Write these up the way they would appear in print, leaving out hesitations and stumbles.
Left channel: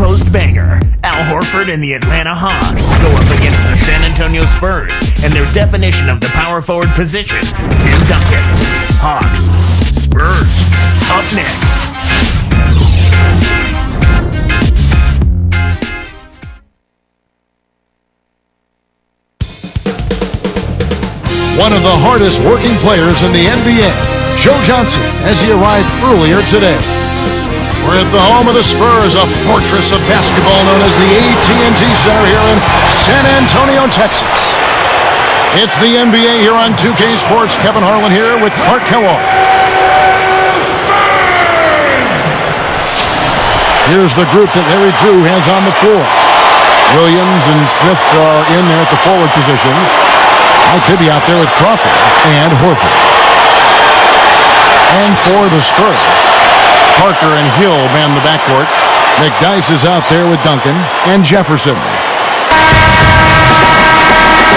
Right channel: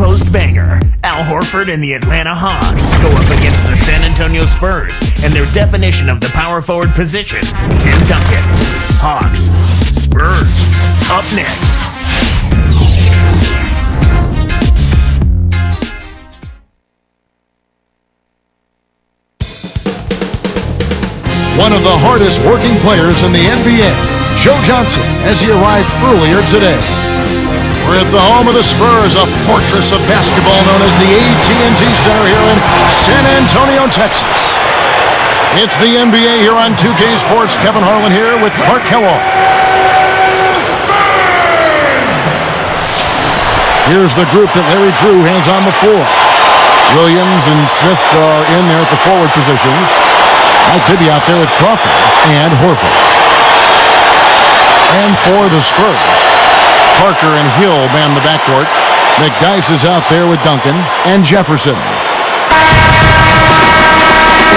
post banger. Al Horford and the Atlanta Hawks go up against the San Antonio Spurs and their definition of the power forward position, Tim Duncan. Hawks, Spurs, up next. One of the hardest working players in the NBA, Joe Johnson, as he arrived earlier today. We're at the home of the Spurs, a fortress of basketball known as the AT&T Center here in San Antonio, Texas. It's the NBA here on 2K Sports. Kevin Harlan here with Clark Kellogg. Here's the group that Larry Drew has on the floor. Williams and Smith are in there at the forward positions. Mike Bibby out there with Crawford and Horford. And for the Spurs, Parker and Hill man the backcourt. McDyess is out there with Duncan and Jefferson.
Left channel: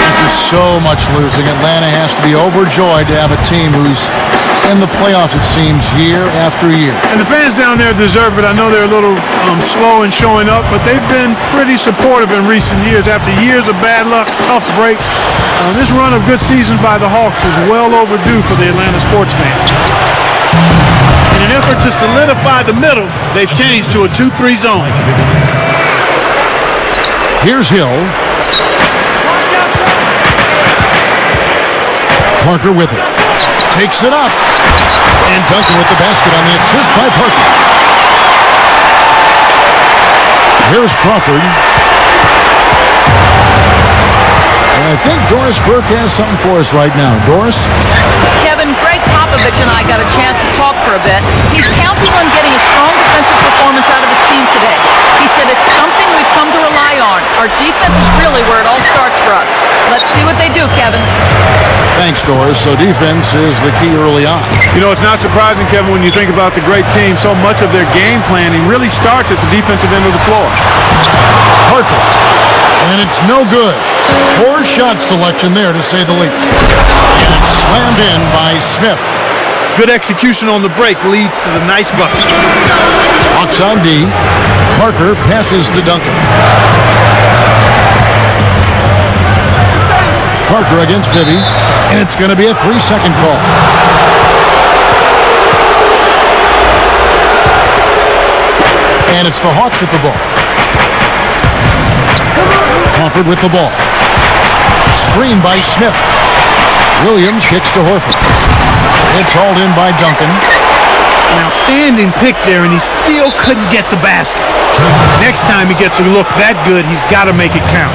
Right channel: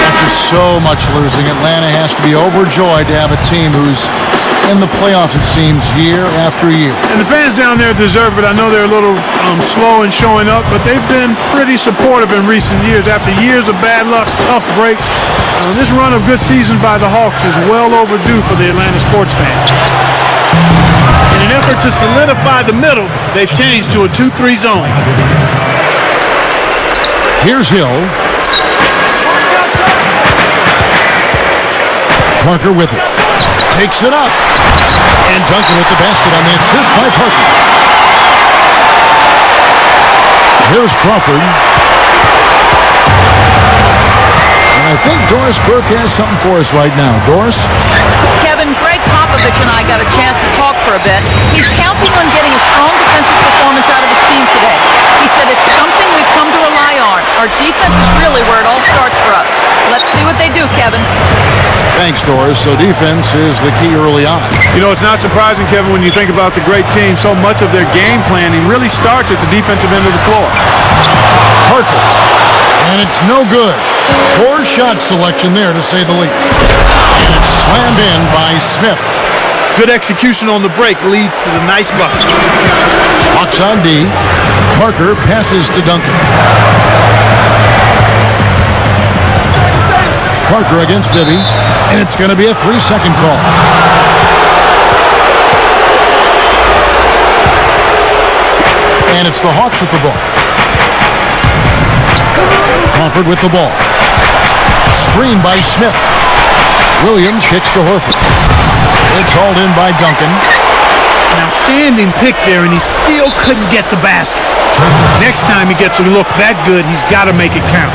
After so much losing, Atlanta has to be overjoyed to have a team who's in the playoffs, it seems, year after year. And the fans down there deserve it. I know they're a little slow in showing up, but they've been pretty supportive in recent years. After years of bad luck, tough breaks, this run of good seasons by the Hawks is well overdue for the Atlanta sports fans. In an effort to solidify the middle, they've changed to a 2-3 zone. Here's Hill. Parker with it. Takes it up. And Duncan with the basket on the assist by Parker. Here's Crawford. And I think Doris Burke has something for us right now. Doris? Kevin, Greg Popovich and I got a chance to talk for a bit. He's counting on getting a strong defensive performance out of his team today. He said it's something we've come to rely on. Our defense is really where it all starts for us. Let's see what they do, Kevin. Thanks, Doris. So defense is the key early on. You know, it's not surprising, Kevin, when you think about the great team. So much of their game planning really starts at the defensive end of the floor. Parker. And it's no good. Poor shot selection there, to say the least. And it's slammed in by Smith. Good execution on the break leads to the nice bucket. Hawks on D. Parker passes to Duncan. Parker against Bibby. And it's going to be a 3-second call. And it's the Hawks with the ball. Crawford with the ball. Screen by Smith. Williams kicks to Horford. It's hauled in by Duncan. An outstanding pick there, and he still couldn't get the basket. Next time he gets a look that good, he's got to make it count.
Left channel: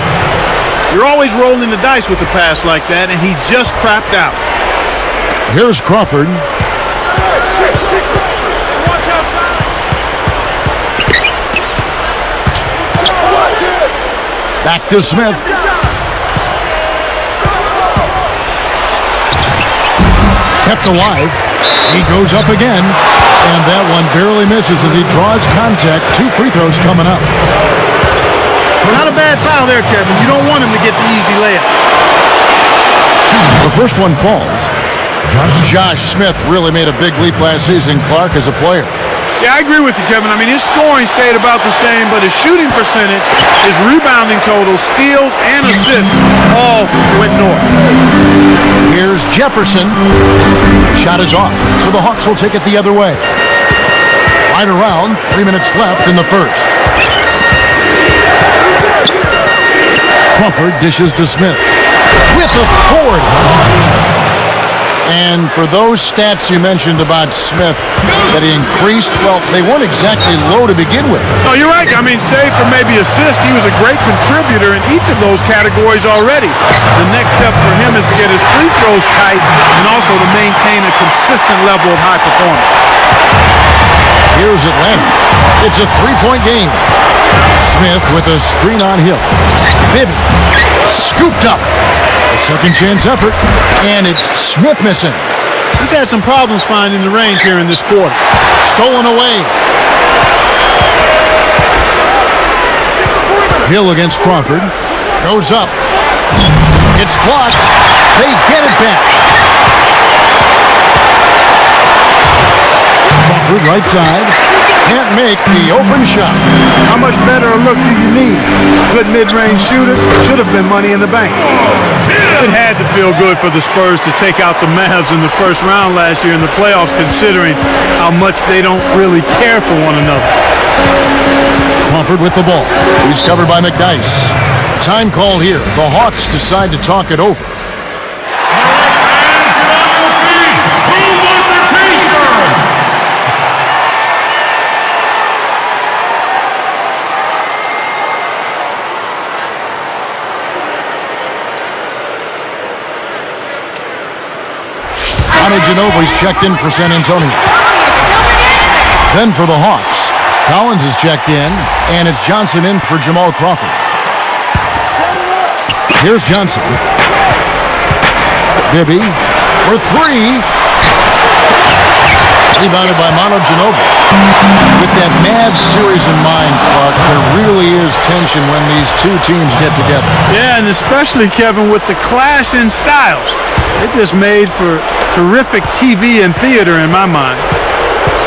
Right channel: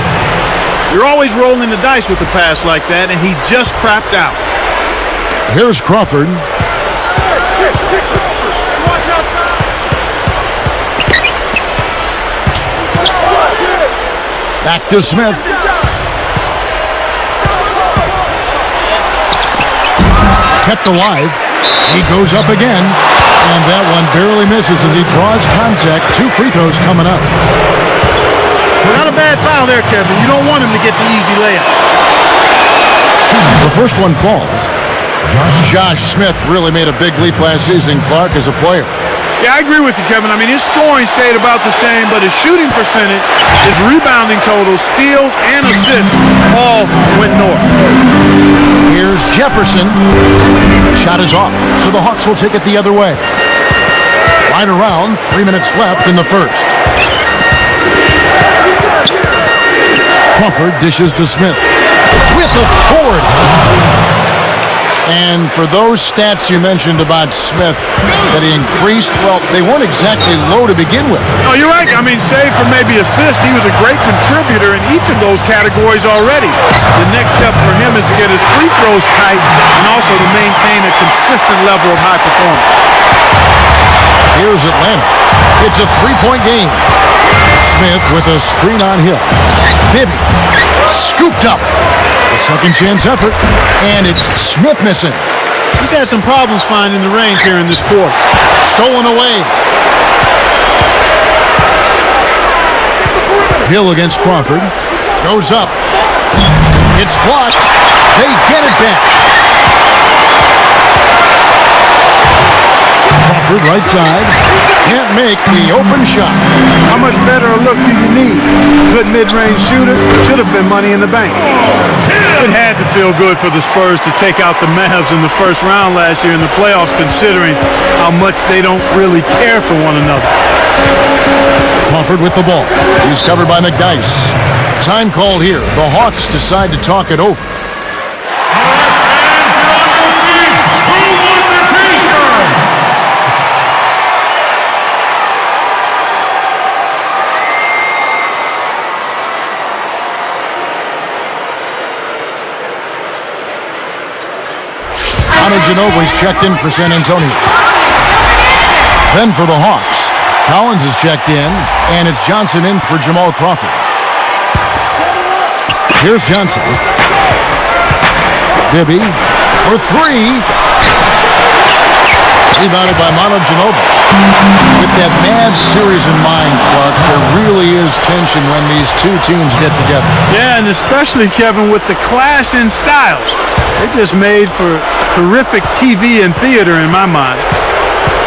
You're always rolling the dice with a pass like that, and he just crapped out. Here's Crawford. Hey, Crawford, and watch outside. Back to Smith. Kept alive. He goes up again, and that one barely misses as he draws contact. 2 free throws coming up. Not a bad foul there, Kevin. You don't want him to get the easy layup. The first one falls. Josh Smith really made a big leap last season, Clark, as a player. Yeah, I agree with you, Kevin. I mean, his scoring stayed about the same, but his shooting percentage, his rebounding totals, steals, and assists all went north. Here's Jefferson. The shot is off, so the Hawks will take it the other way. Right around, 3 minutes left in the first. Crawford dishes to Smith with authority. And for those stats you mentioned about Smith that he increased, well, they weren't exactly low to begin with. No, you're right. I mean, save for maybe assist, he was a great contributor in each of those categories already. The next step for him is to get his free throws tight and also to maintain a consistent level of high performance. Here's Atlanta. It's a 3-point game. Smith with a screen on Hill. Bibby scooped up. A second chance effort, and it's Smith missing. He's had some problems finding the range here in this quarter. Stolen away. Hill against Crawford. Goes up. It's blocked. They get it back. Crawford right side. can't make the open shot. How much better a look do you need? Good mid-range shooter, should have been money in the bank. It had to feel good for the Spurs to take out the Mavs in the first round last year in the playoffs, considering how much they don't really care for one another. Crawford with the ball. He's covered by McDyess. Time called here. The Hawks decide to talk it over. Ginobili's checked in for San Antonio. Then for the Hawks, Collins is checked in, and it's Johnson in for Jamal Crawford. Here's Johnson. Bibby for three. Rebounded by Ginobili. With that Mavs series in mind, Clark, there really is tension when these two teams get together. Yeah, and especially, Kevin, with the clash in styles. It just made for terrific TV and theater in my mind.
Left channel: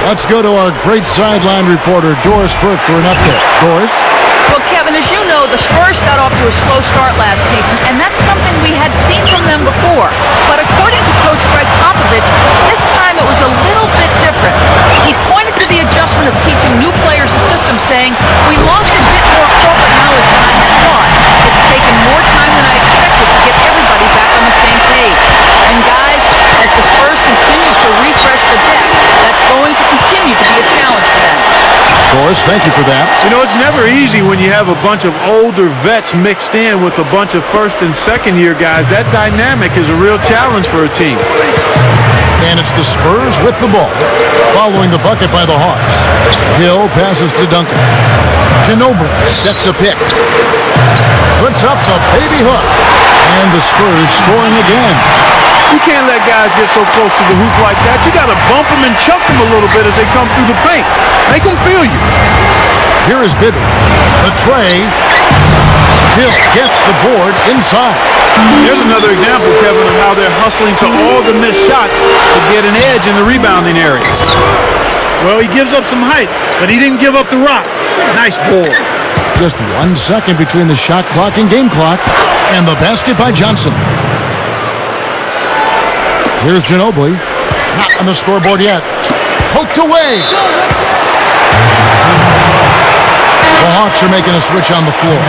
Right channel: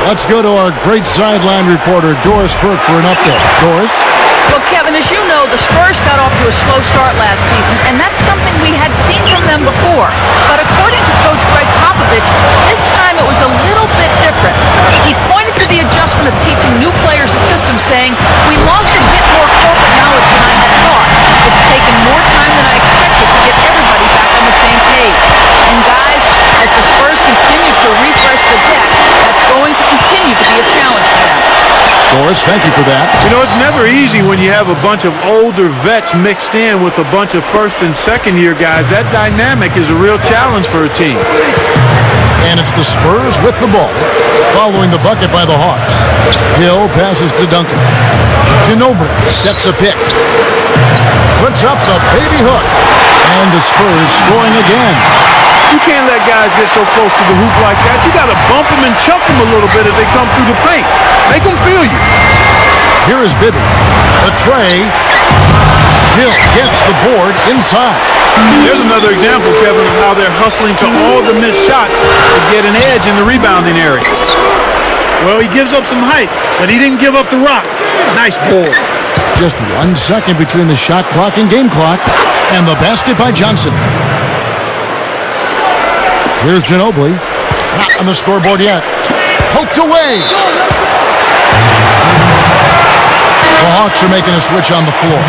Let's go to our great sideline reporter, Doris Burke, for an update. Doris? Well, Kevin, as you know, the Spurs got off to a slow start last season, and that's something we had seen from them before. But according to Coach Greg Popovich, this time it was a little bit different. He pointed to the adjustment of teaching new players a system, saying, "We lost a bit more corporate knowledge than I had thought. It's taken more time than I expected to get everybody back on the same page." And guys, as the Spurs continue to refresh the deck, that's going to continue to be a challenge for them. Doris, thank you for that. You know, it's never easy when you have a bunch of older vets mixed in with a bunch of first and second year guys. That dynamic is a real challenge for a team. And it's the Spurs with the ball, following the bucket by the Hawks. Hill passes to Duncan. Ginobili sets a pick. Puts up the baby hook. And the Spurs scoring again. You can't let guys get so close to the hoop like that. You got to bump them and chuck them a little bit as they come through the paint. Make them feel you. Here is Bibby. The tray. Hill gets the board inside. There's another example, Kevin, of how they're hustling to all the missed shots to get an edge in the rebounding area. Well, he gives up some height, but he didn't give up the rock. Nice board. Just 1 second between the shot clock and game clock. And the basket by Johnson. Here's Ginobili. Not on the scoreboard yet. Poked away. The Hawks are making a switch on the floor.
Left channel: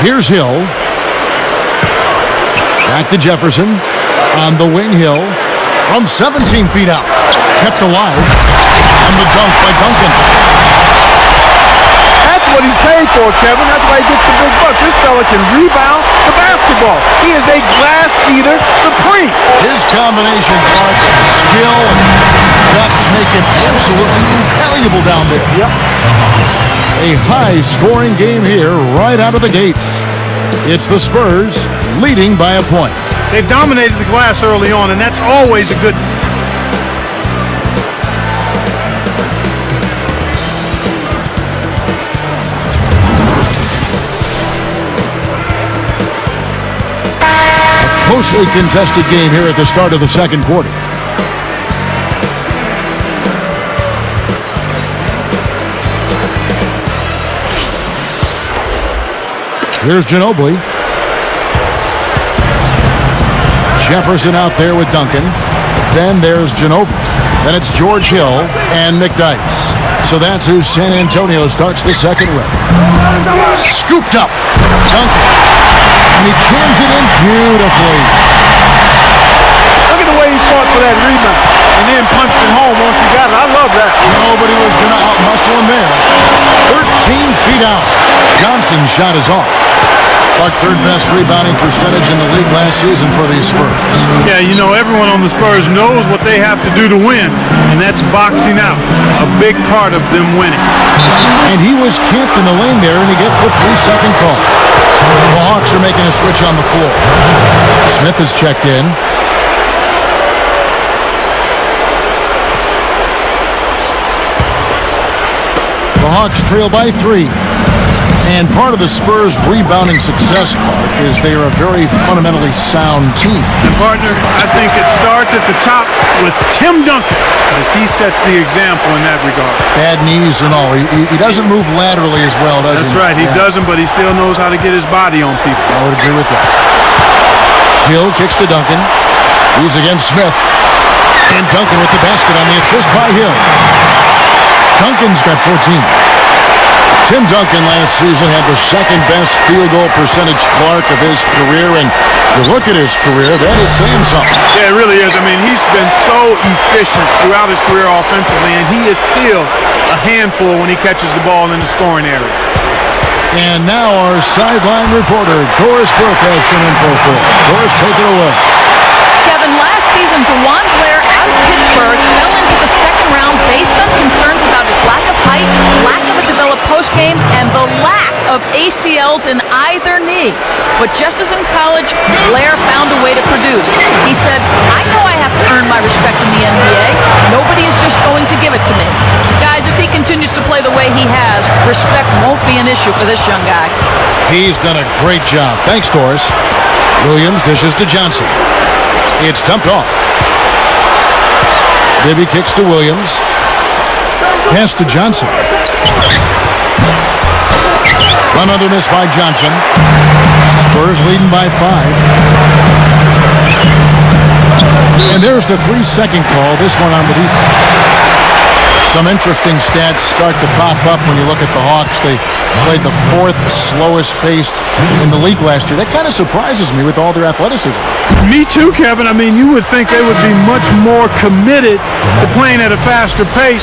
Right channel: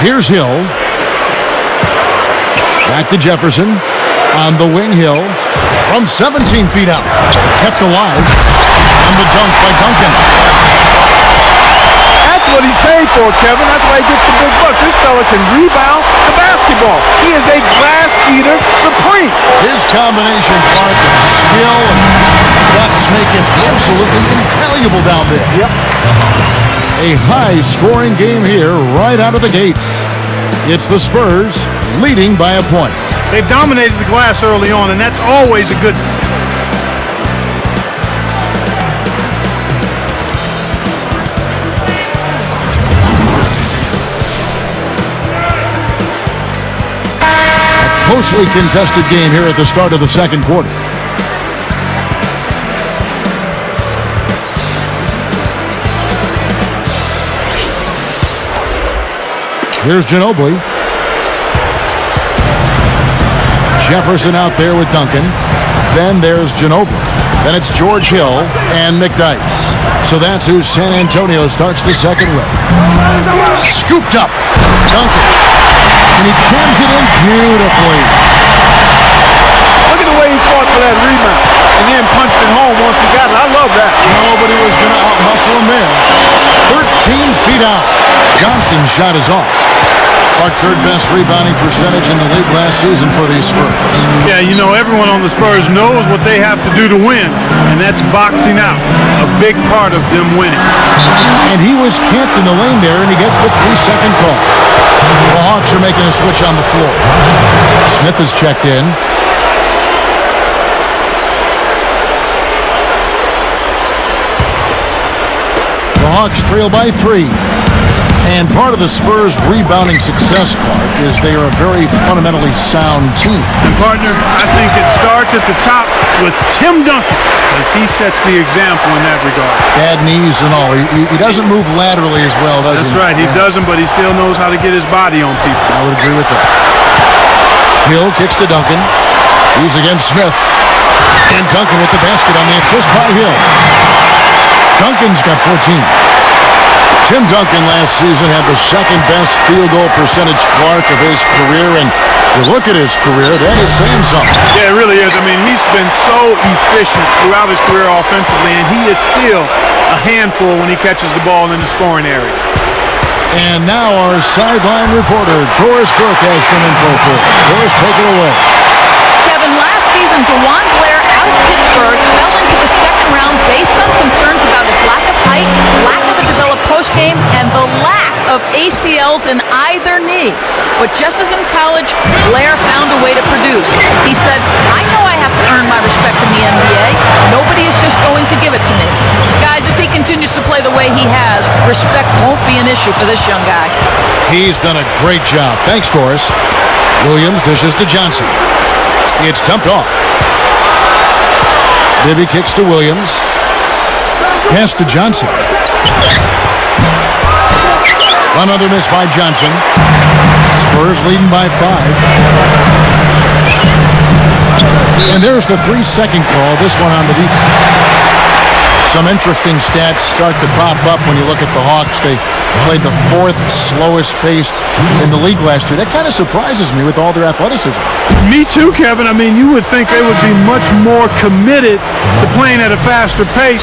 Here's Hill. Back to Jefferson. On the wing, Hill. From 17 feet out. Kept alive. And the dunk by Duncan. That's what he's paid for, Kevin. That's why he gets the big bucks. This fella can rebound the basketball. He is a glass eater supreme. His combination, Clark, of skill and guts make him absolutely invaluable down there. Yep. A high-scoring game here right out of the gates. It's the Spurs leading by a point. They've dominated the glass early on, and that's always a good thing. Closely contested game here at the start of the second quarter. Here's Ginobili. Jefferson out there with Duncan. Then there's Ginobili. Then it's George Hill and McDyess. So that's who San Antonio starts the second with. Scooped up. Duncan. And he jams it in beautifully. Look at the way he fought for that rebound and then punched it home once he got it. I love that. Nobody was going to outmuscle him there. 13 feet out. Johnson's shot is off. Clark, third best rebounding percentage in the league last season for these Spurs. Yeah, you know, everyone on the Spurs knows what they have to do to win, and that's boxing out. A big part of them winning. And he was camped in the lane there, and he gets the 3-second call. The Hawks are making a switch on the floor. Smith is checked in. The Hawks trail by 3. And part of the Spurs' rebounding success, Clark, is they are a very fundamentally sound team. And partner, I think it starts at the top with Tim Duncan, as he sets the example in that regard. Bad knees and all. He doesn't move laterally as well, does he? That's right. He doesn't, but he still knows how to get his body on people. I would agree with that. Hill kicks to Duncan. He's against Smith. And Duncan with the basket on the assist by Hill. Duncan's got 14. Tim Duncan last season had the second best field goal percentage, Clark, of his career, and you look at his career, that is saying something. Yeah, it really is. I mean, he's been so efficient throughout his career offensively, and he is still a handful when he catches the ball in the scoring area. And now our sideline reporter, Doris Burke, has some info for us. Doris, take it away. Kevin, last season, DeJuan Blair out of Pittsburgh fell into the second round based on concerns about his lack of height, lack of a developed postgame, and the lack of ACLs in either knee. But just as in college, Blair found a way to produce. He said, I know I have to earn my respect in the NBA. Nobody is just going to give it to me. Guys, if he continues to play the way he has, respect won't be an issue for this young guy. He's done a great job. Thanks, Doris. Williams dishes to Johnson. It's dumped off. Bibby kicks to Williams. Pass to Johnson. Another miss by Johnson. Spurs leading by 5. And there's the 3-second call, this one on the defense. Some interesting stats start to pop up when you look at the Hawks. They played the 4th slowest paced in the league last year. That kind of surprises me with all their athleticism. Me too, Kevin. I mean, you would think they would be much more committed to playing at a faster pace,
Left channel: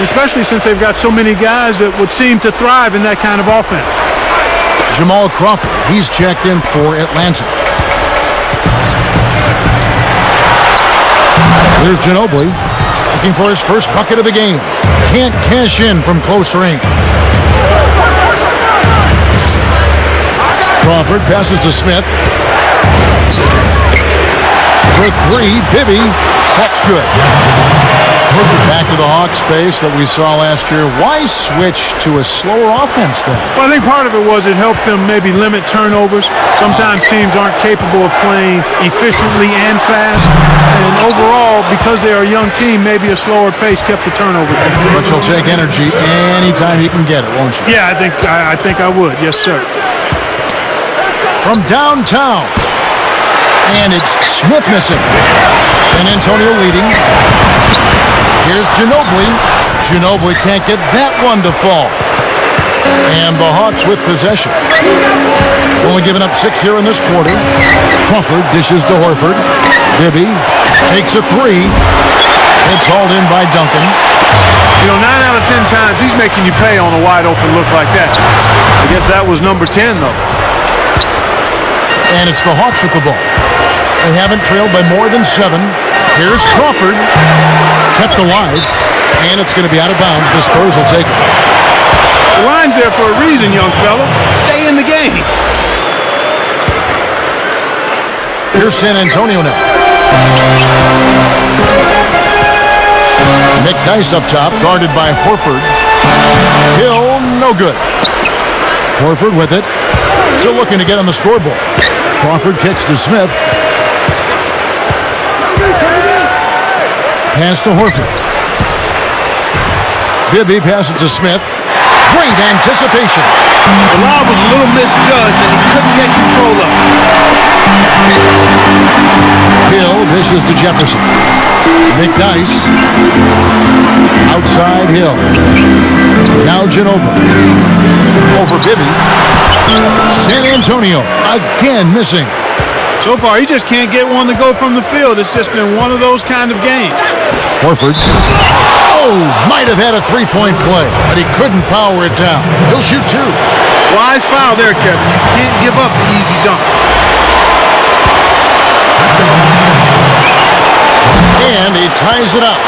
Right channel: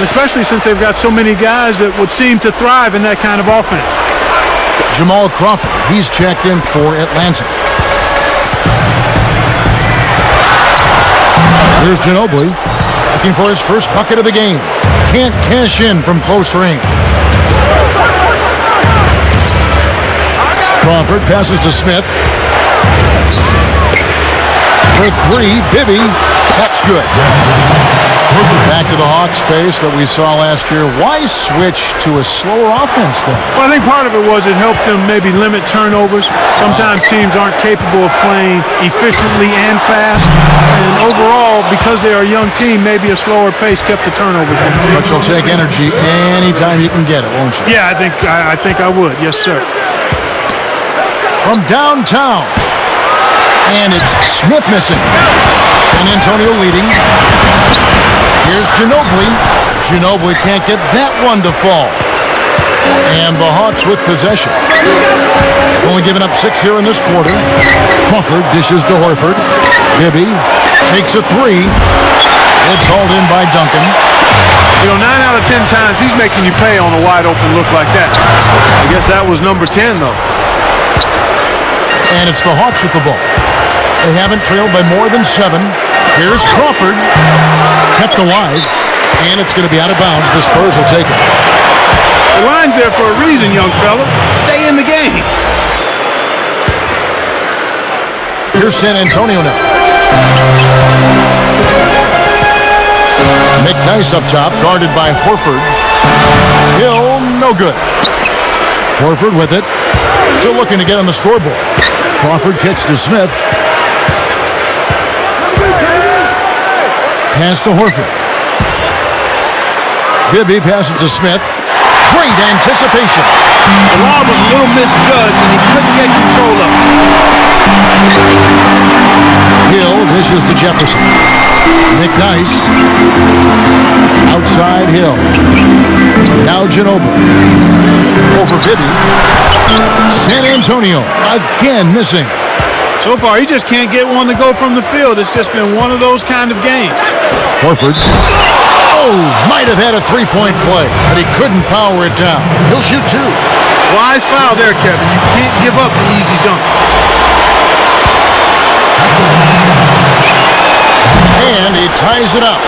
especially since they've got so many guys that would seem to thrive in that kind of offense. Jamal Crawford, he's checked in for Atlanta. There's Ginobili, looking for his first bucket of the game. Can't cash in from close range. Crawford passes to Smith. For 3, Bibby. That's good. Back to the Hawks pace that we saw last year. Why switch to a slower offense then? Well, I think part of it was it helped them maybe limit turnovers. Sometimes teams aren't capable of playing efficiently and fast. And overall, because they are a young team, maybe a slower pace kept the turnovers down. But you'll take energy anytime you can get it, won't you? Yeah, I think I would. Yes, sir. From downtown. And it's Smith missing. San Antonio leading. Here's Ginobili. Ginobili can't get that one to fall. And the Hawks with possession. Only giving up 6 here in this quarter. Crawford dishes to Horford. Bibby takes a 3. It's hauled in by Duncan. You know, 9 out of 10 times he's making you pay on a wide open look like that. I guess that was number 10, though. And it's the Hawks with the ball. They haven't trailed by more than 7. Here's Crawford. Kept alive. And it's going to be out of bounds. The Spurs will take it. The line's there for a reason, young fella. Stay in the game. Here's San Antonio now. McDyess up top, guarded by Horford. Hill, no good. Horford with it. Still looking to get on the scoreboard. Crawford kicks to Smith. Pass to Horford. Bibby passes to Smith. Great anticipation. The lob was a little misjudged, and he couldn't get control of it. Hill dishes to Jefferson. McDyess. Outside Hill. Now Ginobili. Over Bibby. San Antonio again missing. So far, he just can't get one to go from the field. It's just been one of those kind of games. Horford. Oh, might have had a 3-point play, but he couldn't power it down. He'll shoot 2. Wise foul there, Kevin. You can't give up the easy dunk. And he ties it up.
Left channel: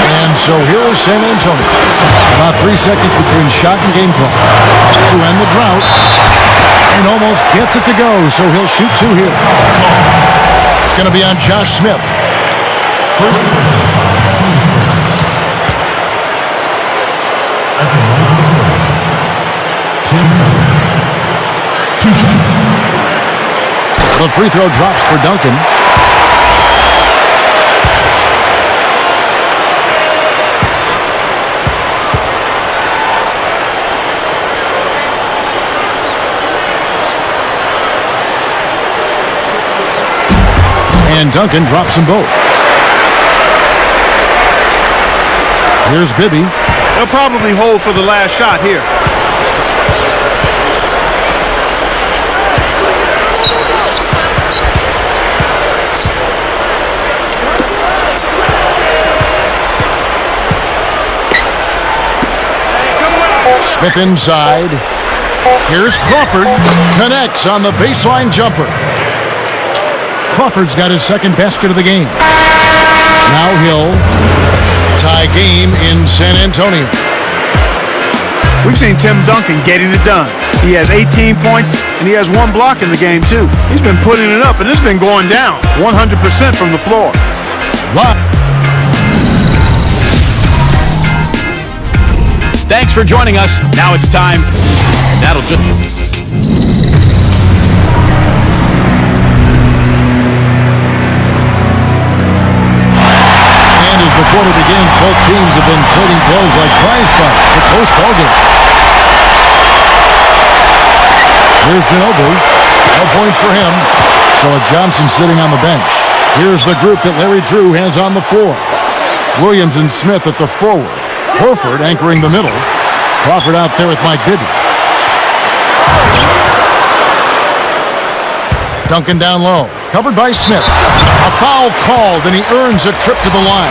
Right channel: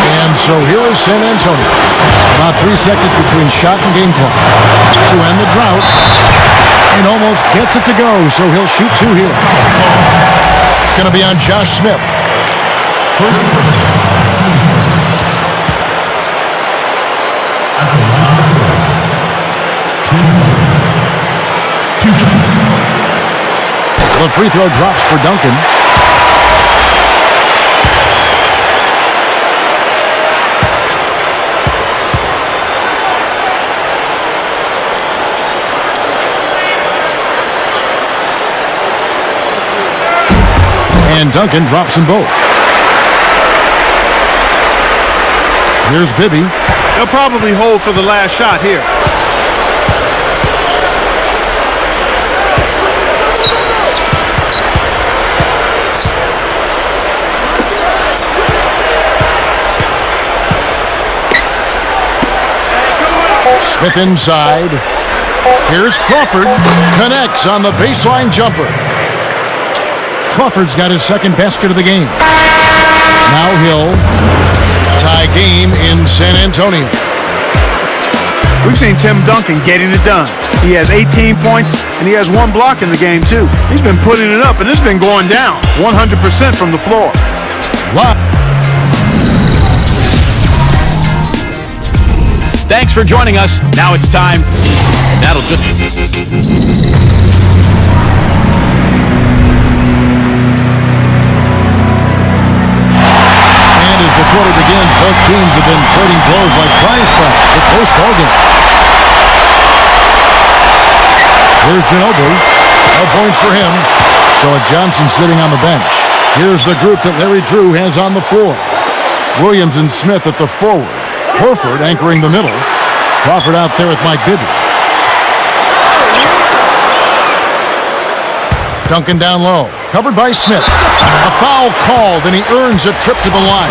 And so here is San Antonio. About 3 seconds between shot and game clock to end the drought. And almost gets it to go, so he'll shoot 2 here. It's going to be on Josh Smith. At the line scores, Tim Duncan, 2 shots. The free throw drops for Duncan. And Duncan drops them both. Here's Bibby. They'll probably hold for the last shot here. Smith inside. Here's Crawford. Connects on the baseline jumper. Crawford's got his second basket of the game. Now Hill. Tie game in San Antonio. We've seen Tim Duncan getting it done. He has 18 points, and he has 1 block in the game, too. He's been putting it up, and it's been going down 100% from the floor. Live. Thanks for joining us. Now it's time. That'll just... And as the quarter begins, both teams have been trading blows like prize fights. A close ball game. Here's Ginobili. No points for him. So Johnson sitting on the bench. Here's the group that Larry Drew has on the floor. Williams and Smith at the forward. Horford anchoring the middle. Crawford out there with Mike Bibby. Duncan down low. Covered by Smith. A foul called, and he earns a trip to the line.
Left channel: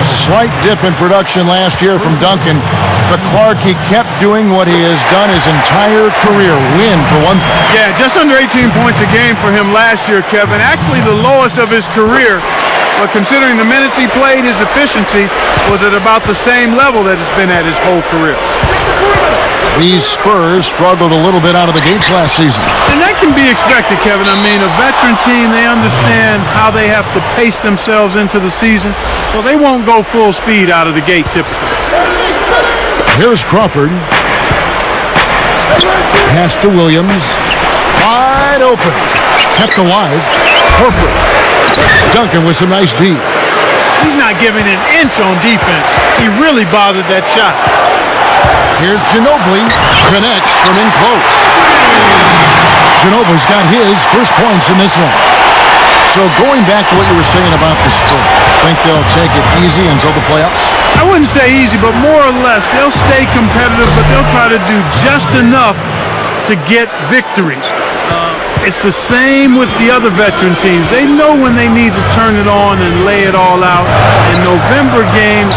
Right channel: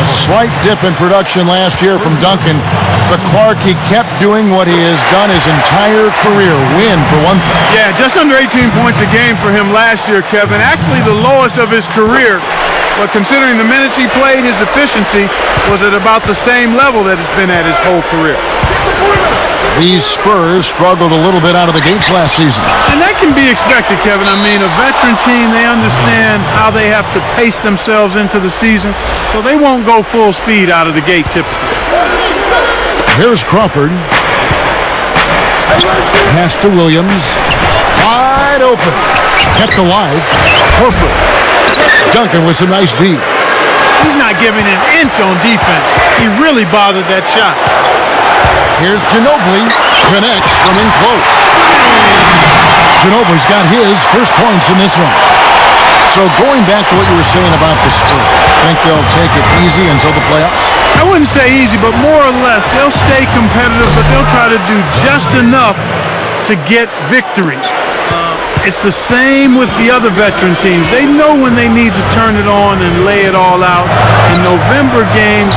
A slight dip in production last year from Duncan, but Clark, he kept doing what he has done his entire career. Win, for one thing. Yeah, just under 18 points a game for him last year, Kevin. Actually the lowest of his career. But considering the minutes he played, his efficiency was at about the same level that it's been at his whole career. These Spurs struggled a little bit out of the gates last season. And that can be expected, Kevin. I mean, a veteran team, they understand how they have to pace themselves into the season, so they won't go full speed out of the gate typically. Here's Crawford. Pass to Williams. Wide open. Kept alive. Horford. Duncan with some nice D. He's not giving an inch on defense. He really bothered that shot. Here's Ginobili. Connects from in close. Ginobili's got his first points in this one. So going back to what you were saying about the Spurs, think they'll take it easy until the playoffs? I wouldn't say easy, but more or less, they'll stay competitive, but they'll try to do just enough to get victories. It's the same with the other veteran teams. They know when they need to turn it on and lay it all out, and November games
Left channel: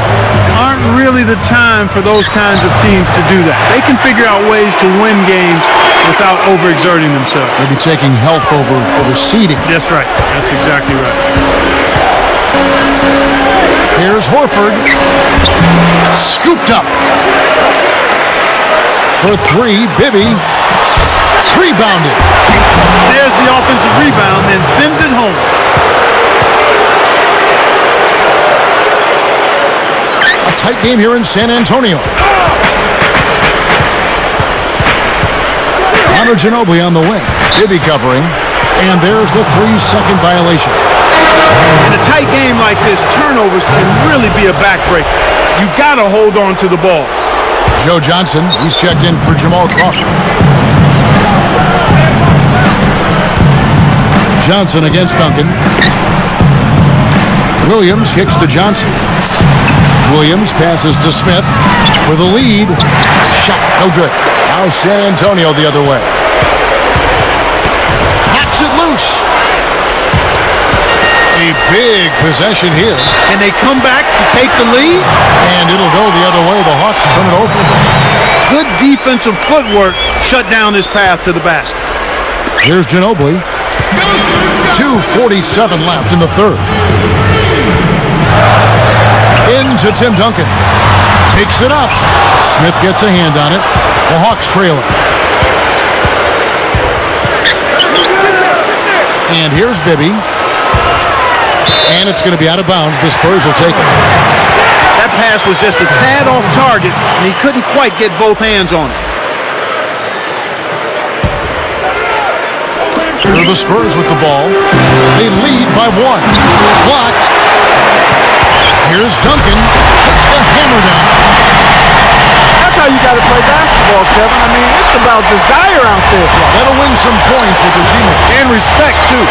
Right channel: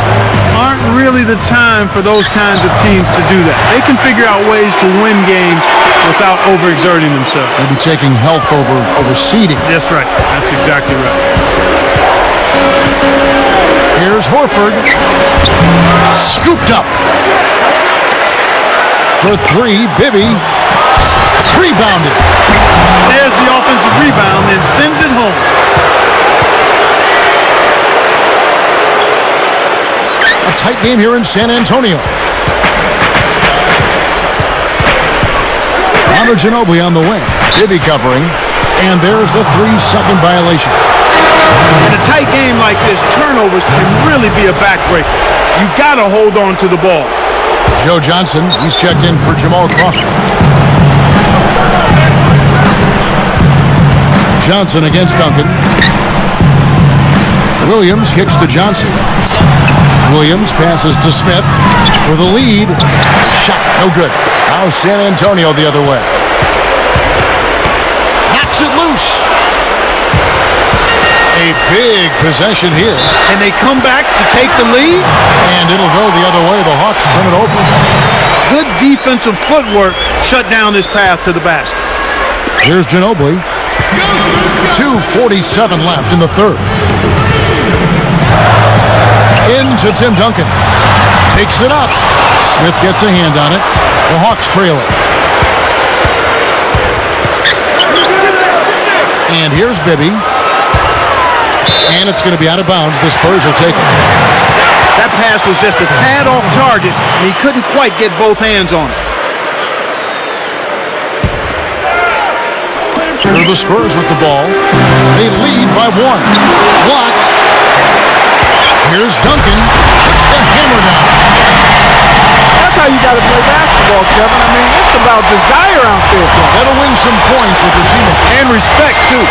aren't really the time for those kinds of teams to do that. They can figure out ways to win games without overexerting themselves. Maybe taking health over seeding. That's right. That's exactly right. Here's Horford. Scooped up. For 3, Bibby. Rebounded. Snares the offensive rebound, then sends it home. A tight game here in San Antonio. Manu Ginobili on the wing. Bibby covering. And there's the 3-second violation. In a tight game like this, turnovers can really be a backbreaker. You got to hold on to the ball. Joe Johnson, he's checked in for Jamal Crawford. Johnson against Duncan. Williams kicks to Johnson. Williams passes to Smith for the lead. Shot, no good. Now San Antonio the other way. Knocks it loose. A big possession here. Can they come back to take the lead? And it'll go the other way. The Hawks turn it over. Good defensive footwork shut down his path to the basket. Here's Ginobili. 2:47 left in the third. Into Tim Duncan. Takes it up. Smith gets a hand on it. The Hawks trail it. And here's Bibby. And it's going to be out of bounds. The Spurs will take it. That pass was just a tad off target, and he couldn't quite get both hands on it. Here are the Spurs with the ball. They lead by 1. Blocked. Here's Duncan. Puts the hammer down. That's how you got to play basketball, Kevin. I mean, it's about desire out there. Yeah, that'll win some points with your teammates. And respect, too.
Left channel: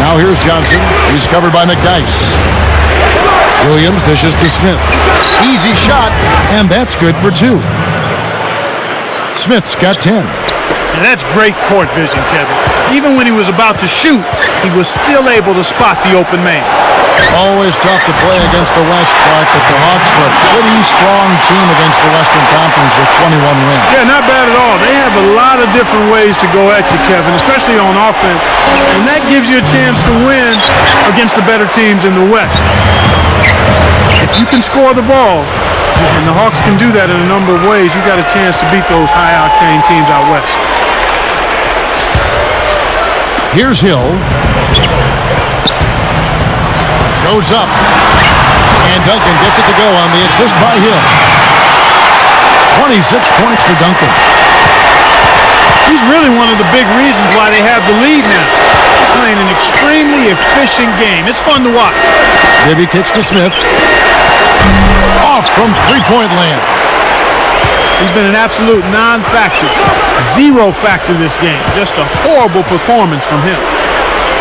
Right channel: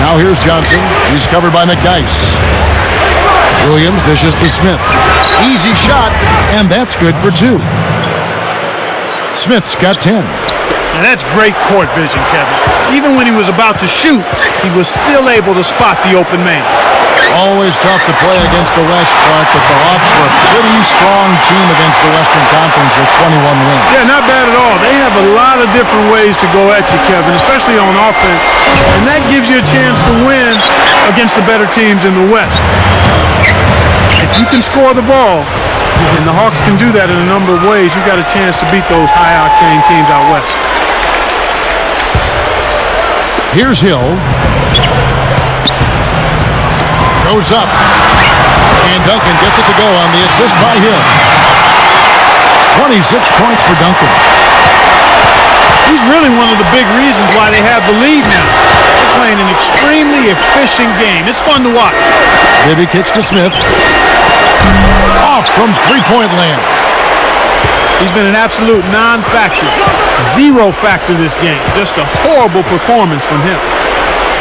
Now here's Johnson. He's covered by McDice. Williams dishes to Smith. Easy shot, and that's good for 2. Smith's got 10. Now that's great court vision, Kevin. Even when he was about to shoot, he was still able to spot the open man. Always tough to play against the West, Clark, but the Hawks were a pretty strong team against the Western Conference with 21 wins. Yeah, not bad at all. They have a lot of different ways to go at you, Kevin, especially on offense. And that gives you a chance to win against the better teams in the West. If you can score the ball, and the Hawks can do that in a number of ways, you've got a chance to beat those high-octane teams out West. Here's Hill. Goes up. And Duncan gets it to go on the assist by Hill. 26 points for Duncan. He's really one of the big reasons why they have the lead now. He's playing an extremely efficient game. It's fun to watch. Bibby kicks to Smith. Off from three-point land. He's been an absolute non-factor. Zero factor this game. Just a horrible performance from him.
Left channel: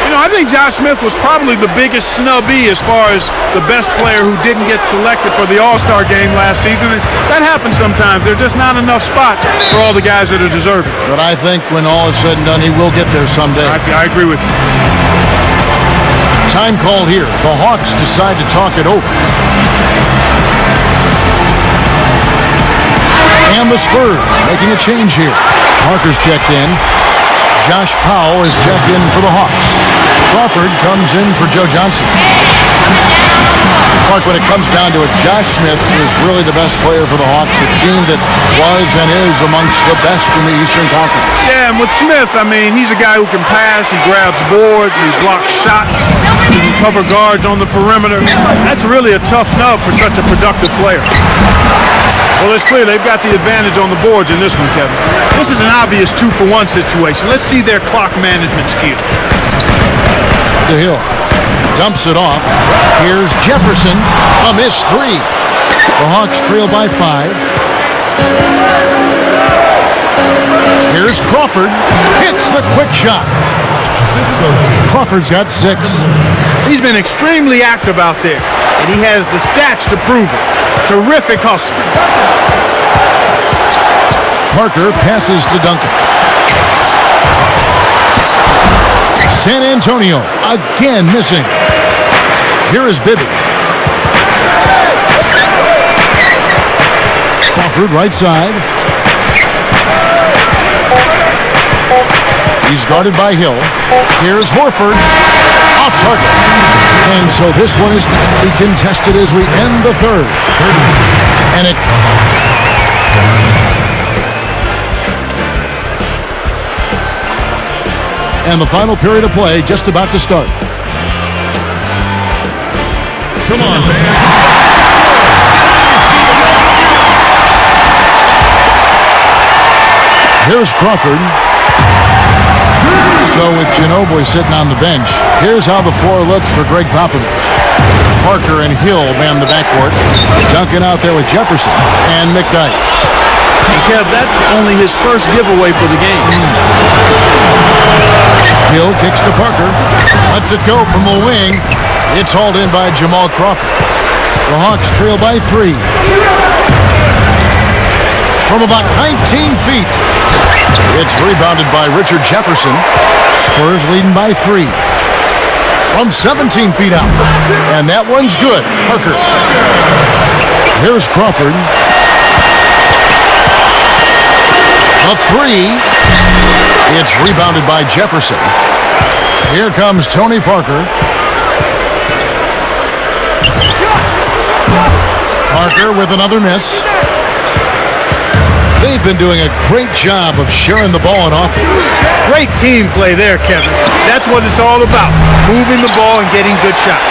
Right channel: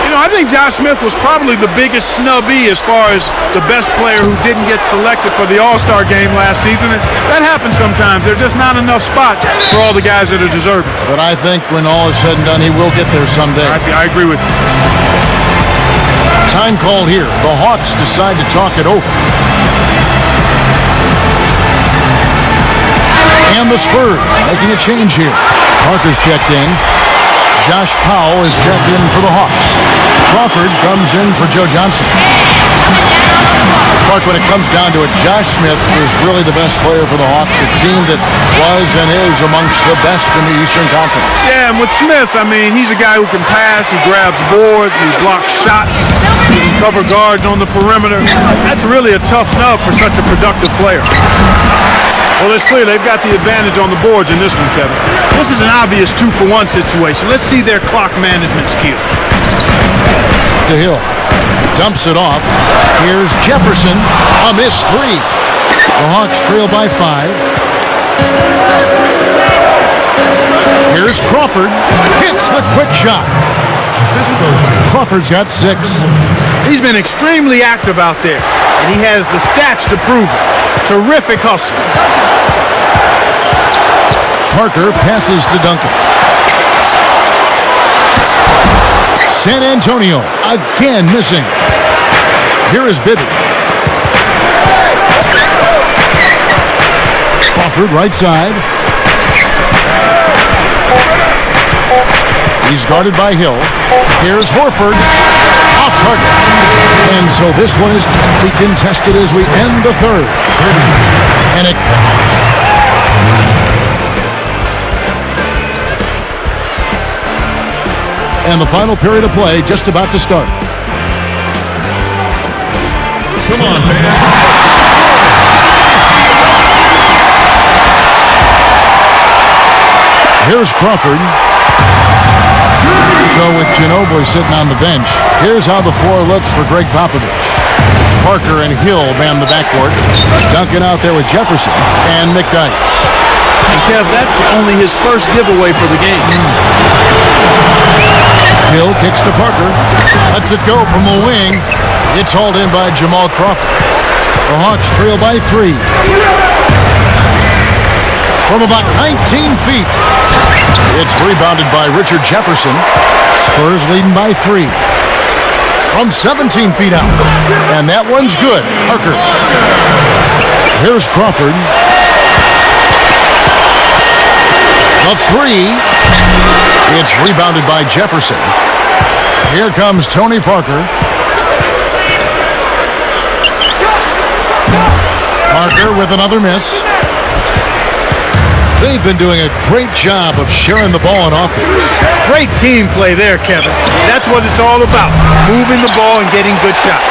You know, I think Josh Smith was probably the biggest snubby as far as the best player who didn't get selected for the All-Star game last season. And that happens sometimes. There are just not enough spots for all the guys that are deserving. But I think when all is said and done, he will get there someday. I agree with you. Time called here. The Hawks decide to talk it over. And the Spurs making a change here. Parker's checked in. Josh Powell is checked in for the Hawks. Crawford comes in for Joe Johnson. Clark, when it comes down to it, Josh Smith is really the best player for the Hawks, a team that was and is amongst the best in the Eastern Conference. Yeah, and with Smith, I mean, he's a guy who can pass, he grabs boards, he blocks shots, he can cover guards on the perimeter. That's really a tough snub for such a productive player. Well, it's clear they've got the advantage on the boards in this one, Kevin. This is an obvious 2-for-1 situation. Let's see their clock management skills. To Hill. Dumps it off. Here's Jefferson. A missed 3. The Hawks trail by 5. Here's Crawford. Hits the quick shot. Crawford's got 6. He's been extremely active out there, and he has the stats to prove it. Terrific hustle. Parker passes to Duncan. San Antonio again missing. Here is Bibby. Crawford right side. He's guarded by Hill. Here's Horford. Off target. And so this one is tightly contested as we end the third. And it... And the final period of play just about to start. Come on, fans. Here's Crawford. So with Ginobili sitting on the bench, here's how the floor looks for Greg Popovich. Parker and Hill man the backcourt. Duncan out there with Jefferson and McDice. And Kev, that's only his first giveaway for the game. Hill kicks to Parker. Lets it go from the wing. It's hauled in by Jamal Crawford. The Hawks trail by 3. From about 19 feet. It's rebounded by Richard Jefferson. Spurs leading by 3. From 17 feet out. And that one's good. Parker. Here's Crawford. The 3. It's rebounded by Jefferson. Here comes Tony Parker. Parker with another miss. They've been doing a great job of sharing the ball on offense. Great team play there, Kevin. That's what it's all about, moving the ball and getting good shots.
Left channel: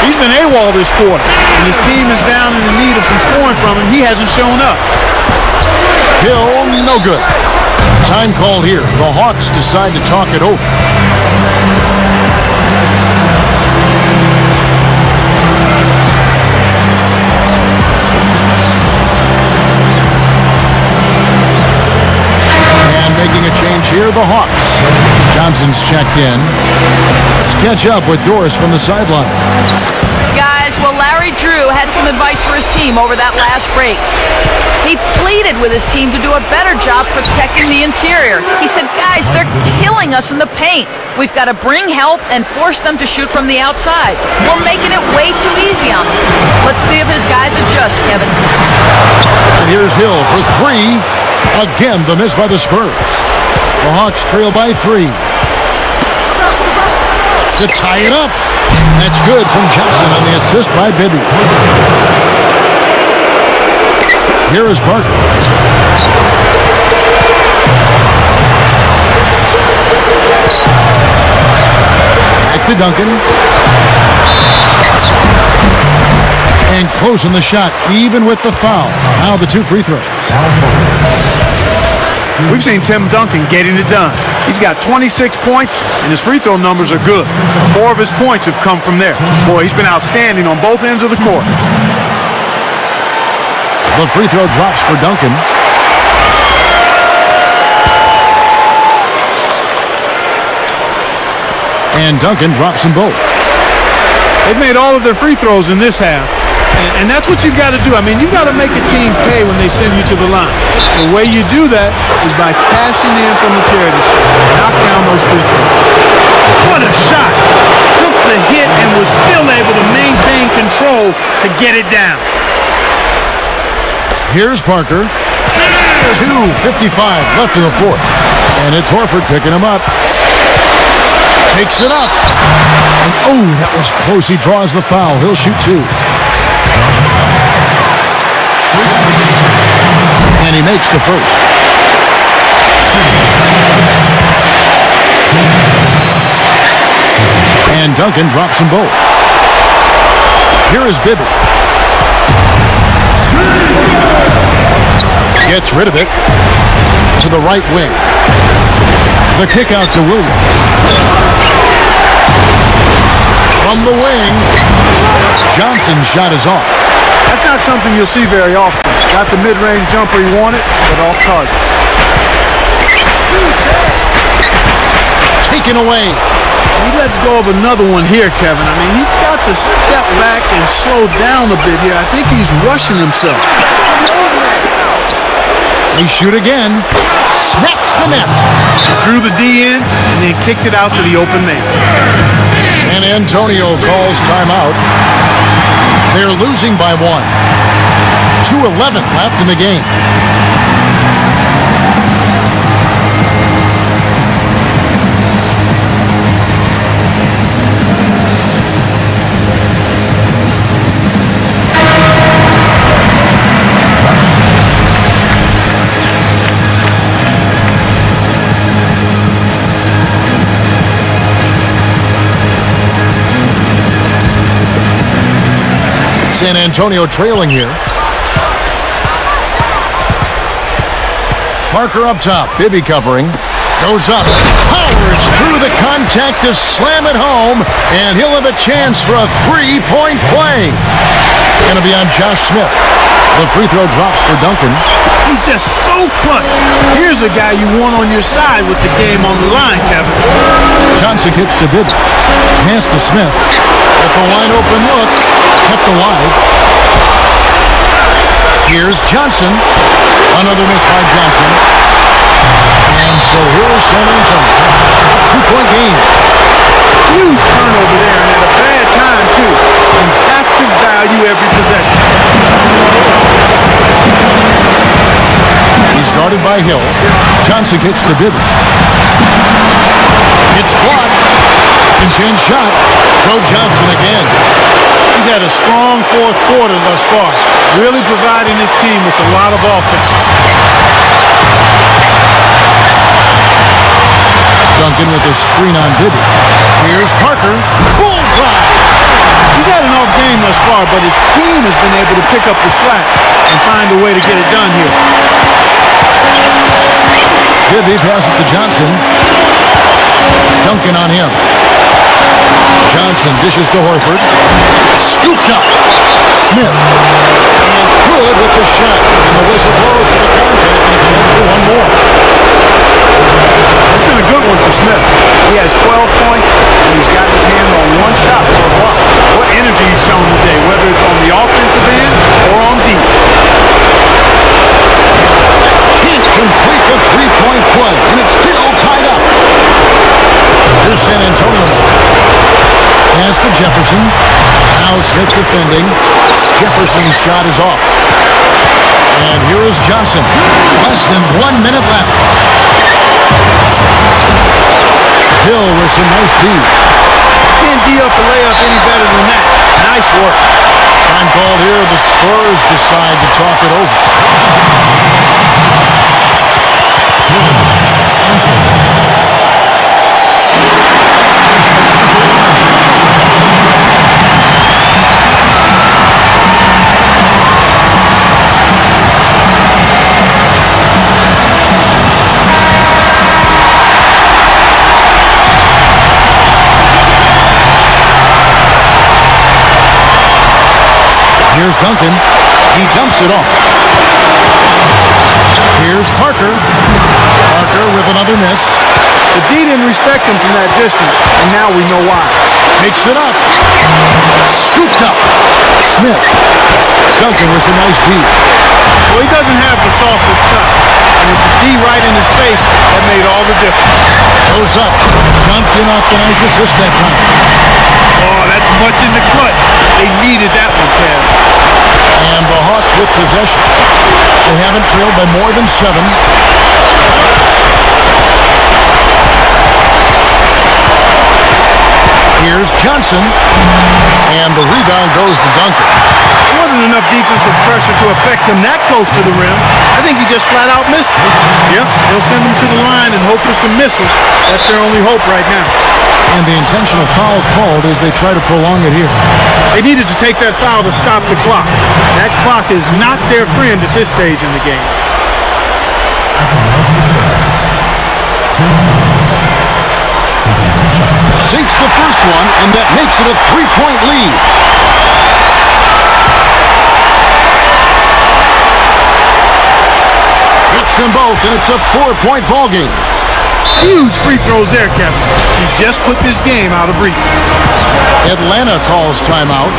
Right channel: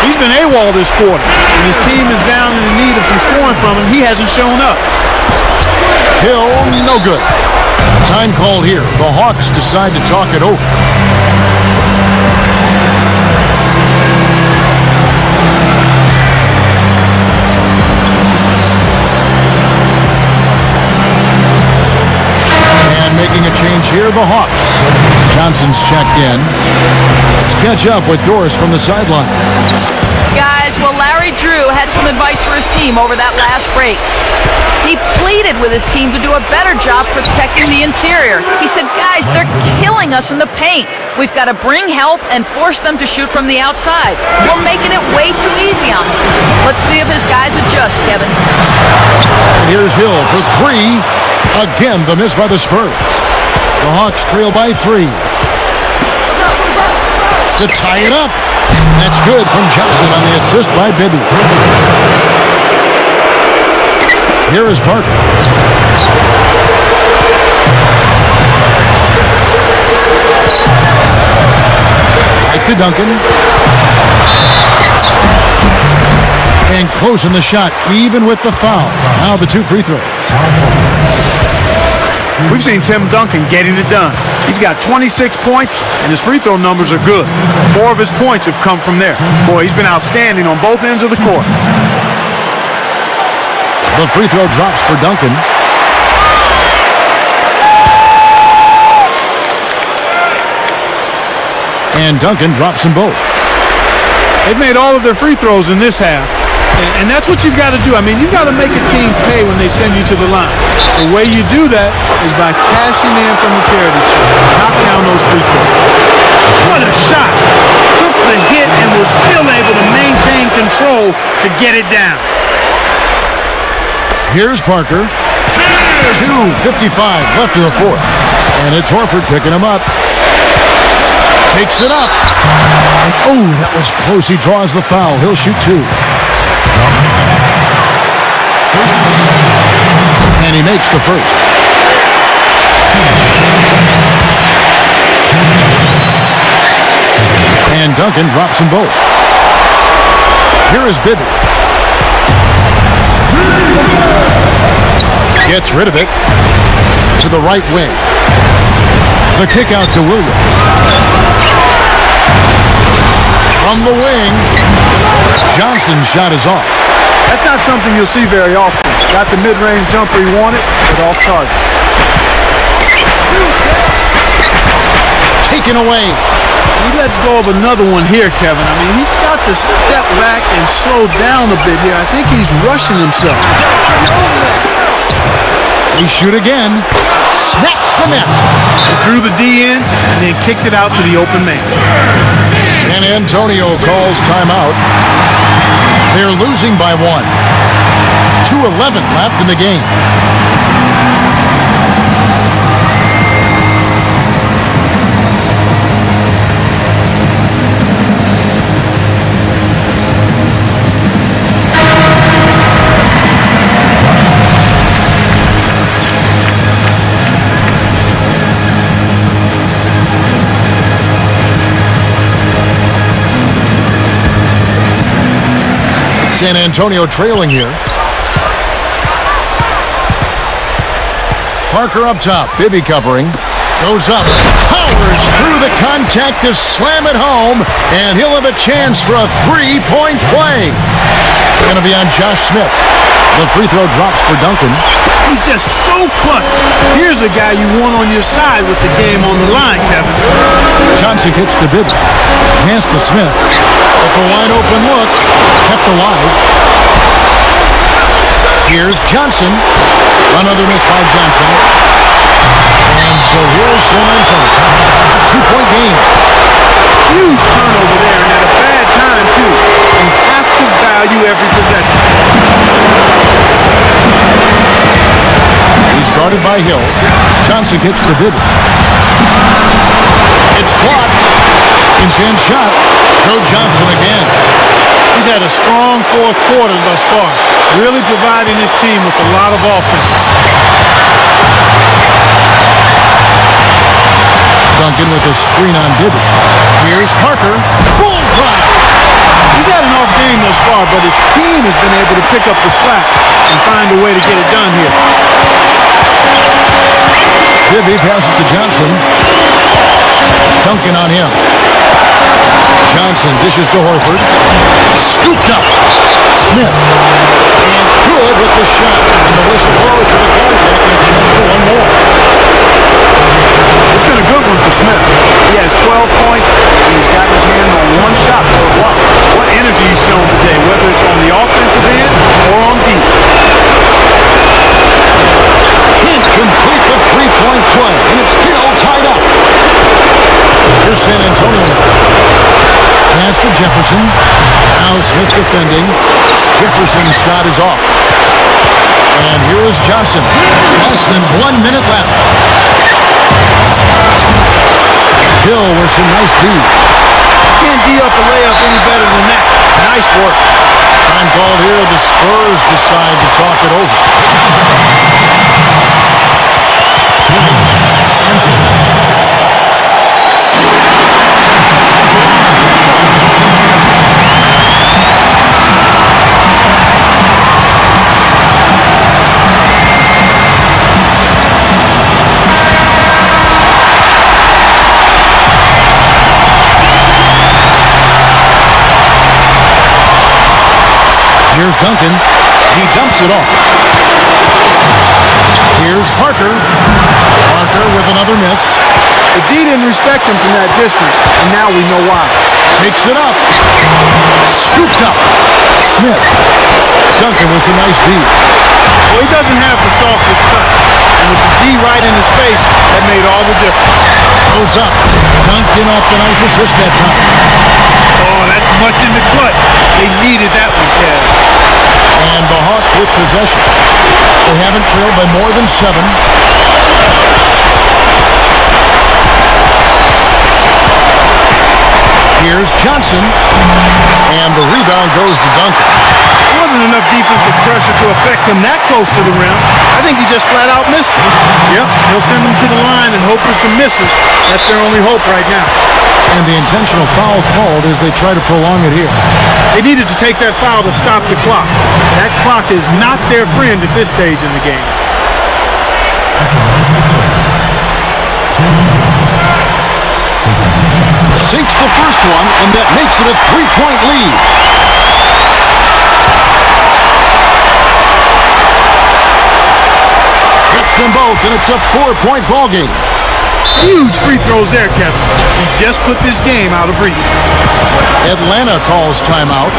He's been AWOL this quarter. When his team is down and in need of some scoring from him, he hasn't shown up. Hill, no good. Time called here. The Hawks decide to talk it over. And making a change here, the Hawks. Johnson's checked in. Let's catch up with Doris from the sideline. Guys, well, Larry Drew had some advice for his team over that last break. He pleaded with his team to do a better job protecting the interior. He said, guys, they're killing us in the paint. We've got to bring help and force them to shoot from the outside. We're making it way too easy on them. Let's see if his guys adjust, Kevin. And here's Hill for three. Again, the miss by the Spurs. The Hawks trail by 3. To tie it up. That's good from Johnson on the assist by Bibby. Here is Parker. Back to Duncan. And closing the shot, even with the foul. Now the 2 free throws. We've seen Tim Duncan getting it done. He's got 26 points, and his free throw numbers are good. 4 of his points have come from there. Boy, he's been outstanding on both ends of the court. The free throw drops for Duncan. And Duncan drops them both. They've made all of their free throws in this half. And that's what you've got to do. I mean, you've got to make a team pay when they send you to the line. The way you do that is by cashing in from the charity stripe. Knock down those free throws. What a shot. Took the hit and was still able to maintain control to get it down. Here's Parker. 2:55 left in the fourth. And it's Horford picking him up. Takes it up. And oh, that was close. He draws the foul. He'll shoot 2. And he makes the first. And Duncan drops them both. Here is Bibby. Gets rid of it to the right wing. The kick out to Williams. From the wing, Johnson's shot is off. That's not something you'll see very often. Got the mid-range jumper he wanted, but off target. Taken away. And he lets go of another one here, Kevin. I mean, he's got to step back and slow down a bit here. I think he's rushing himself. They shoot again. Snaps the net. He drew the D in and then kicked it out to the open man. San Antonio calls timeout. They're losing by 1. 2:11 left in the game. San Antonio trailing here. Parker up top. Bibby covering. Goes up. Powers through the contact to slam it home. And he'll have a chance for a 3-point play. It's going to be on Josh Smith. The free throw drops for Duncan. He's just so clutch. Here's a guy you want on your side with the game on the line, Kevin. Johnson kicks to Bibby. Pass to Smith. With the wide open look. Kept alive. Here's Johnson. Another miss by Johnson. And so here is San Antonio. A 2-point game. Huge turnover there, and at a bad time, too. You have to value every possession. He's guarded by Hill. Johnson kicks to Bibby. It's blocked. Second-chance shot. Joe Johnson again. He's had a strong fourth quarter thus far, really providing his team with a lot of offense. Duncan with a screen on Bibby. Here's Parker. Bullseye! He's had an off game thus far, but his team has been able to pick up the slack and find a way to get it done here. Bibby passes to Johnson. Duncan on him. Johnson dishes to Horford. Scooped up. Smith. And good with the shot. And the whistle blows for the contact and a chance for one more. It's been a good one for Smith. He has 12 points, and he's got his hand on one shot for a block. What energy he's shown today, whether it's on the offensive end or on deep. Can't complete the three-point play, and it's still tied up. Here's San Antonio now. Pass to Jefferson. Now Smith defending. Jefferson's shot is off. And here is Johnson. Less than 1 minute left. Hill with some nice D. Can't D up a layup any better than that. Nice work. Time called here. The Spurs decide to talk it over. Here's Duncan. He dumps it off. Here's Parker. Parker with another miss. The D didn't respect him from that distance, and now we know why. Takes it up. Scooped up. Smith. Duncan with some nice D. Well, he doesn't have the softest touch. And with the D right in his face, that made all the difference. Goes up. Duncan off the nice assist that time. Oh, that's much in the clutch. They needed that one, Kev. And the Hawks with possession. They haven't trailed by more than 7. Here's Johnson. And the rebound goes to Duncan. There wasn't enough defensive pressure to affect him that close to the rim. I think he just flat out missed it. Yep, they'll send him to the line and hope for some misses. That's their only hope right now. And the intentional foul called as they try to prolong it here. They needed to take that foul to stop the clock. That clock is not their friend at this stage in the game. Sinks the first one, and that makes it a 3-point lead. Hits them both, and it's a 4-point ball game. Huge free throws there, Kevin. He just put this game out of reach. Atlanta calls timeout.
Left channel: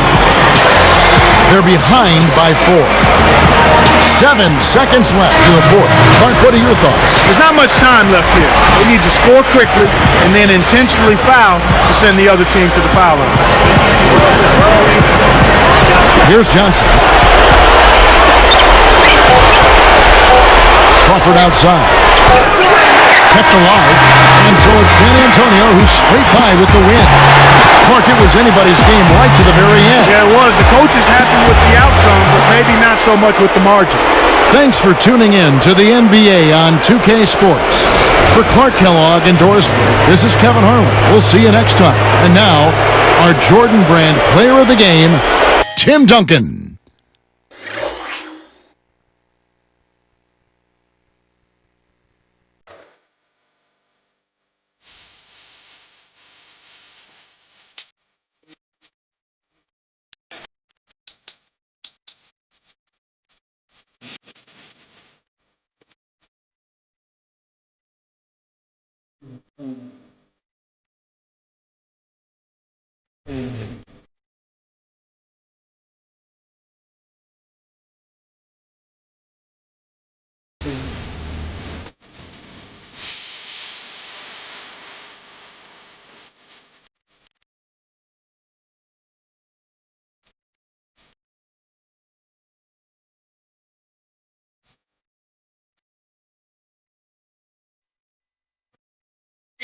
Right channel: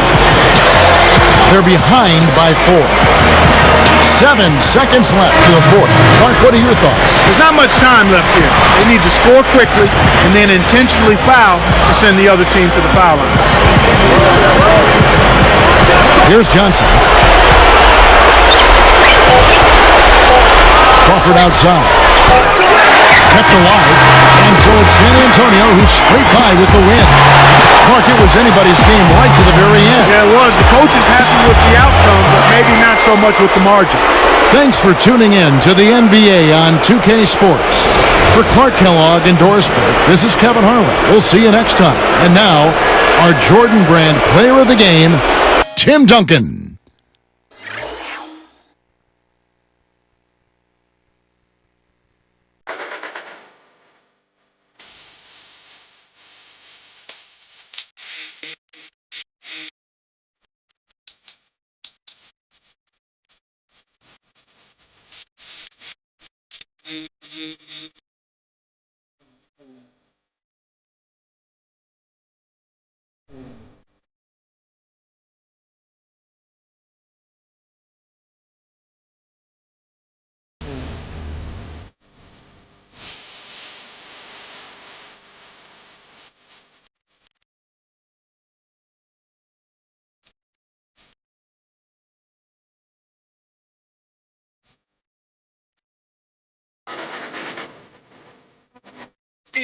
They're behind by 4. 7 seconds left in the fourth. Clark, what are your thoughts? There's not much time left here. They need to score quickly and then intentionally foul to send the other team to the foul line. Here's Johnson. Crawford outside. Kept alive. And so it's San Antonio who scraped by with the win. Clark, it was anybody's game right to the very end. Yeah, it was. The coach is happy with the outcome, but maybe not so much with the margin. Thanks for tuning in to the NBA on 2K Sports. For Clark Kellogg and Dorisburg, this is Kevin Harlan. We'll see you next time. And now, our Jordan Brand Player of the Game, Tim Duncan.